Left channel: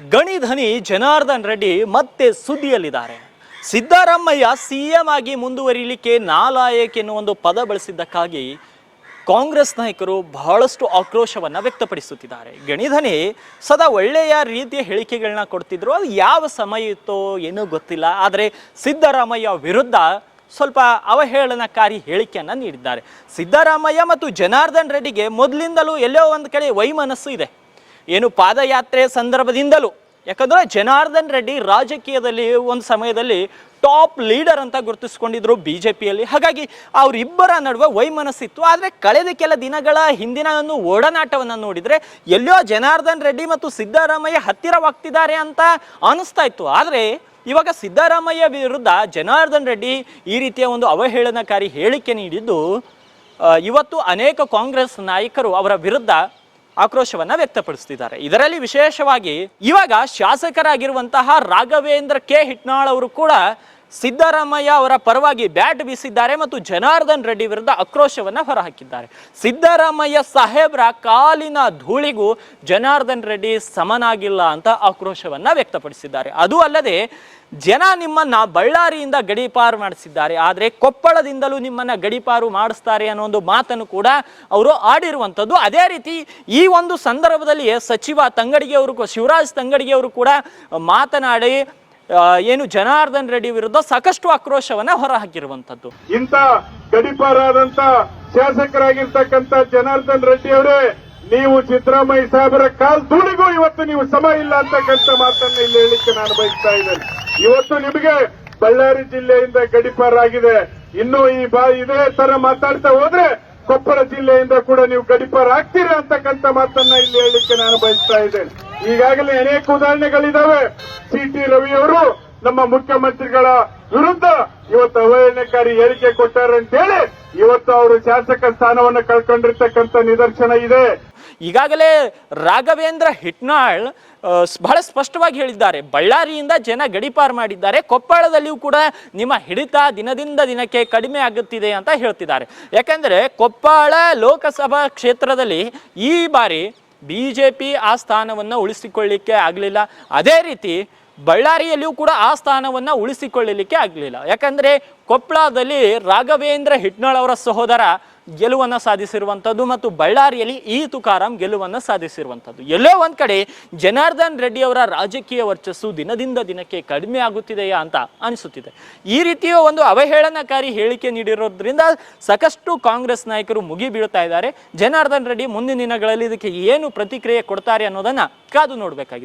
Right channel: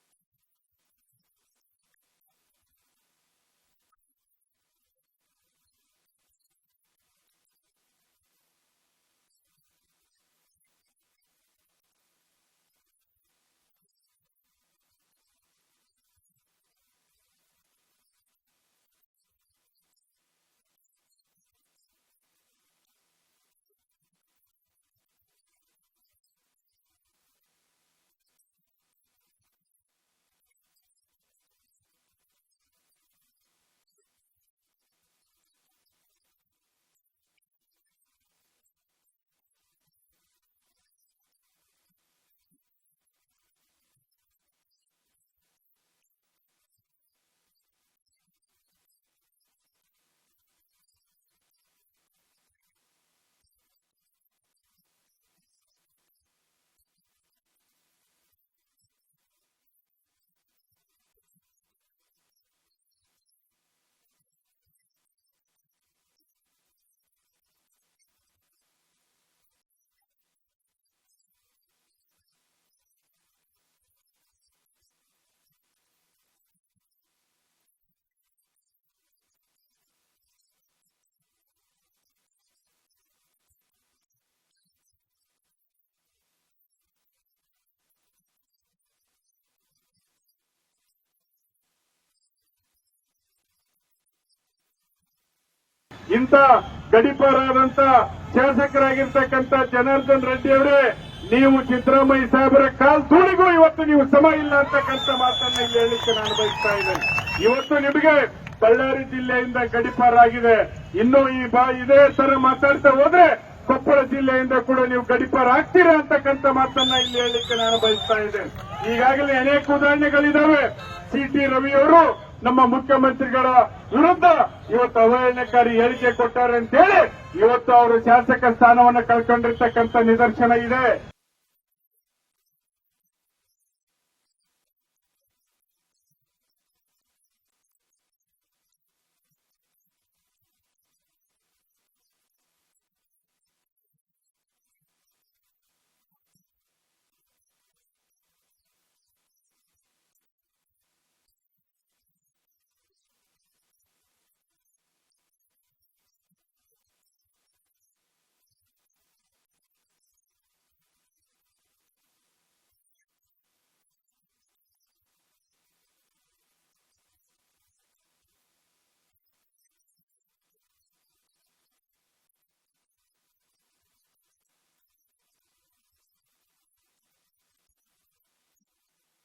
ಗಣಿಧನಿ ಜನಾರ್ದನ್ ರೆಡ್ಡಿ ಮತ್ತೆ ಸುದ್ದಿಯಲ್ಲಿದ್ದಾರೆ. ಸಿದ್ದರಾಮಯ್ಯ ಸಿಎಂ ಆಗಿ ಮುಂದುವರಿಲಿಕ್ಕೆ ನಾಲಾಯಕ್ ಎನ್ನುವ ಒಂದು ಪದ ಬಳಸಿದ್ದಕ್ಕಾಗಿ ಕಾಂಗ್ರೆಸ್ ನಾಯಕರು ಬಹಳಷ್ಟು ಆಕ್ರೋಶವನ್ನು ವ್ಯಕ್ತಪಡಿಸುತ್ತಿದ್ದಾರೆ. ಗಣಿಧನಿ, ಸದಾ ಒಳ್ಳೆಯ ರೀತಿಯ ಹೇಳಿಕೆಗಳನ್ನ ಕೊಡ್ತಿದ್ರು. ಅದು ಯಾವ ಸಮಯ ಇತ್ತೋ ಏನೂ ಗೊತ್ತಿಲ್ಲ. ಆದರೆ ಸಿದ್ದರಾಮಯ್ಯ ವಿರುದ್ಧ ಸ್ವಲ್ಪ ಅವಹೇಳನಕಾರಿ ಹೇಳಿಕೆಯನ್ನು ನೀಡಿದ್ದಾರೆ. ಸಿದ್ದರಾಮಯ್ಯ ಮತ್ತು ಜನಾರ್ದನ್ ರೆಡ್ಡಿಗೆ ಮೊದಲಿಂದಲೂ ಎಲ್ಲೋ ಒಂದು ಕಡೆ ವೈಮನಸ್ಸು ಇದೆ. ಏನು ಪಾದಯಾತ್ರೆ ಸಂದರ್ಭದಿಂದಲೂ, ಯಾಕಂದ್ರೆ ಜನಾರ್ದನ್ ರೆಡ್ಡಿ ರಾಜಕೀಯದಲ್ಲಿ ಒಂದು ಸಮಯದಲ್ಲಿ ಟಾಪ್ ಲೀಡರ್ ಅಂತ ಗುರುತಿಸ್ಕೊಂಡಿದ್ರು ಬಿ ಜೆ ಪಿಯಲ್ಲಿ ಹಾಗಾಗಿ ಅವರಿಬ್ಬರ ನಡುವೆ ವೈಮನಸ್ಸಿತ್ತು. ಆದರೆ ಕಳೆದ ಕೆಲ ದಿನಗಳ ಹಿಂದಿನ ಒಂದು ಒಡನಾಟವನ್ನು ನೋಡಿದರೆ ಎಲ್ಲೋ ಜನಾರ್ದನ್ ರೆಡ್ಡಿ ಮತ್ತು ಸಿದ್ದರಾಮಯ್ಯ ಹತ್ತಿರವಾಗ್ತಿದ್ದಾರೆ ಅಂತ ಅನಿಸ್ತಾ ಇತ್ತು. ಆದರೆ ಇವಾಗ ಸಿದ್ದರಾಮಯ್ಯ ವಿರುದ್ಧ ಜನಾರ್ದನ್ ರೆಡ್ಡಿ ಈ ರೀತಿಯ ಒಂದು ಅವಹೇಳನಕಾರಿ ಹೇಳಿಕೆ ನೀಡಿದ್ದು ಇವತ್ತು ಅನೇಕ ಕಾಂಗ್ರೆಸ್ ನಾಯಕರು ಅವರ ವಿರುದ್ಧ ಆಕ್ರೋಶವನ್ನ ವ್ಯಕ್ತಪಡಿಸ್ತಿದ್ದಾರೆ. ಇದರಲ್ಲಿ ವಿಶೇಷವಾಗಿ ಇವಾಗ ಶಾಸಕರಾಗಿರುವಂತಹ ರಾಘವೇಂದ್ರ ಕೆ ಹಿಟ್ನಾಳ್ ಅವರು ಕೂಡ ಸಿದ್ದರಾಮಯ್ಯ ಅವರ ಪರವಾಗಿ ಬ್ಯಾಟ್ ಬೀಸಿದ್ದಾರೆ ಮತ್ತು ಜನಾರ್ದನ್ ರೆಡ್ಡಿ ವಿರುದ್ಧ ಆಕ್ರೋಶವನ್ನ ಹೊರಹಾಕಿದ್ದಾರೆ. ಸಿದ್ದರಾಮಯ್ಯ ಸಾಹೇಬ್ರ ಕಾಲಿನ ಧೂಳಿಗೂ ಜನಾರ್ದನ್ ರೆಡ್ಡಿ ಸಮನಾಗಿಲ್ಲ ಅಂತ ಆಕ್ರೋಶವನ್ನ ವ್ಯಕ್ತಪಡಿಸಿದ್ದಾರೆ. ಅದು ಅಲ್ಲದೆ ಜನ ನಿಮ್ಮನ್ನ ಬಳ್ಳಾರಿಯಿಂದ ಗಡೀಪಾರು ಮಾಡಿಸಿದ್ದಾರೆ. ಆದರೆ ಕೊಪ್ಪಳದಿಂದಲೂ ನಿಮ್ಮನ್ನ ಗಡೀಪಾರು ಮಾಡಿಸ್ತಾರೆ ಅನ್ನೋ ಒಂದು ಮಾತನ್ನು ಕೂಡ ಅವರು ಆಡಿರುವಂಥದ್ದು. ಅದೇ ರೀತಿ ಈ ಒಂದು ಸಂದರ್ಭದಲ್ಲಿ ಸಚಿವ ತಂಗಡಿಗೆ ಅವರು, ಶಿವರಾಜ್ ತಂಗಡಿಗೆ ಅವರು ಕೂಡ ಮಾತನಾಡಿ ಏನು ಜನಾರ್ದನ್ ರೆಡ್ಡಿ ವಿರುದ್ಧ ಸಾಕಷ್ಟು ಆಕ್ರೋಶವನ್ನ ಹೊರಹಾಕಿರುವಂತದ್ದು ಇಂಥ ಗಡಿಪಾರಾದಂತ ಶಾಸಕರಾಗಿರ್ತಕ್ಕಂತ ಜನಾರ್ದನ್ ರೆಡ್ಡಿ ಅವರೇ, ನೀವು ಸಿದ್ದರಾಮಯ್ಯ ಸಾಹೇಬರ ಕಾಲ್ ಧೂಳಿಗೂ ಇವತ್ತು ನೀವು ಸಮ ಇಲ್ಲ ಅಂತಕ್ಕಂಥ ಮಾತನ್ನ ಇಲ್ಲಿ ಹೇಳಲಿಕ್ಕೆ ನಾನು ಬಯಸ್ತಾ ಇದ್ದೇನೆ. ಇವತ್ತು ನಿಮಗೆ ಬಳ್ಳಾರಿ ಜಿಲ್ಲೆಯಿಂದ ಗಡಿಪಾರಾಗಿದೆ. ಇನ್ನು ಈ ಬಾ ಇದೇ ತರ ಮಾತಾಡ್ತಾ ಹೋದ್ರೆ ಕೊಪ್ಪಳ ಜಿಲ್ಲೆಯಿಂದ ಕೂಡ ನೀವು ಗಡಿಪಾರಾಗ್ತೀರಾ ಅಂತಕ್ಕಂಥ ಮಾತನ್ನ ಇಲ್ಲಿ ಹೇಳಲಿಕ್ಕೆ ನಾನು ಬಯಸ್ತಾ ಇದ್ದೇನೆ. ಈಗಾಗಲೇ ಅನೇಕ ಉದಾಹರಣೆಗಳಿದಾವೆ. ಸಿ ಟಿ ರವಿ ಅವರು ನಮ್ಮ ಮುಖ್ಯಮಂತ್ರಿಗಳ ವಿರುದ್ಧ ಇವತ್ತು ಅವಹೇಳನಕಾರಿ ಹೇಳಿಕೆ ಕೊಟ್ಟಾರೆ ಅಂತ ಹೇಳಿ ಇವತ್ತು ಅವರು ಶಾಸಕ ಸ್ಥಾನವನ್ನು ಕಳ್ಕೊಂಡಿರ್ತಕ್ಕಂಥ ನಿದರ್ಶನ ಇದೆ. ಈಗಾಗಲೇ ರಾಘವೇಂದ್ರ ಹಿಟ್ನಾಳ್ ಬಹಳ ಸ್ಪಷ್ಟವಾಗಿ ಹೇಳಿದ್ದಾರೆ. ಬಳ್ಳಾರಿಯಿಂದ ಜನ ಗಡಿಪಾರು ಮಾಡಿದ್ದಾರೆ. ಕೊಪ್ಪಳದಲ್ಲಿಯೂ ಕೂಡ ನಿಮ್ಮ ಹಿಡಿತ ದಿನದಿಂದ ದಿನಕ್ಕೆ ಕಡಿಮೆ ಆಗುತ್ತಿದೆ ಅಂತ ಹೇಳ್ತಿದ್ದಾರೆ. ಯಾಕಂದ್ರೆ ಕೊಪ್ಪಳ ಲೋಕಸಭಾ ಕ್ಷೇತ್ರದಲ್ಲಿ ಈ ಬಾರಿ ಬಿ ಜೆ ಪಿ ಆ ಸ್ಥಾನವನ್ನು ಉಳಿಸಿಕೊಳ್ಳಿಕ್ಕೆ ಆಗಲಿಲ್ಲ. ಅದೇ ರೀತಿ ಬಳ್ಳಾರಿಯಲ್ಲಿಯೂ ಕೂಡ ಆ ಸ್ಥಾನವನ್ನು ಉಳಿಸಿಕೊಳ್ಳಲಿಕ್ಕೆ ಆಗಲಿಲ್ಲ. ಯಾಕಂದರೆ ಕೊಪ್ಪಳದಲ್ಲಿ ರಾಘವೇಂದ್ರ ಹಿಟ್ನಾಳ್ ಅವರ ಸಹೋದರ ಗೆಲುವನ್ನು ಸಾಧಿಸಿರುವಂಥದ್ದು ಮತ್ತು ಬಳ್ಳಾರಿಯಲ್ಲಿ ಈ ತುಕಾರಾಂ ಗೆಲುವನ್ನು ಸಾಧಿಸಿರುವಂಥದ್ದು. ಎಲ್ಲೋ ಒಂದು ಕಡೆ ಜನಾರ್ದನ್ ರೆಡ್ಡಿ ಅವರ ರಾಜಕೀಯ ವರ್ಚಸ್ಸು ದಿನದಿಂದ ದಿನಕ್ಕೆ ಕಡಿಮೆ ಆಗುತ್ತಿದೆಯಾ ಅಂತ ಅನಿಸುತ್ತಿದೆ. ಈ ರೀತಿಯ ಒಂದು ಅವಹೇಳನಕಾರಿ ಹೇಳಿಕೆ ನೀಡಿರೋದ್ರಿಂದ ಸಾಕಷ್ಟು ಕಾಂಗ್ರೆಸ್ ನಾಯಕರು ಮುಗಿ ಬೀಳ್ತಾ ಇದ್ದಾರೆ. ಜನಾರ್ದನ್ ರೆಡ್ಡಿ ಮುಂದಿನ ದಿನಗಳಲ್ಲಿ ಇದಕ್ಕೆ ಏನು ಪ್ರತಿಕ್ರಿಯೆ ಕೊಡ್ತಾರೆ ಅನ್ನೋದನ್ನು ಕಾದು ನೋಡಬೇಕಾಗಿದೆ.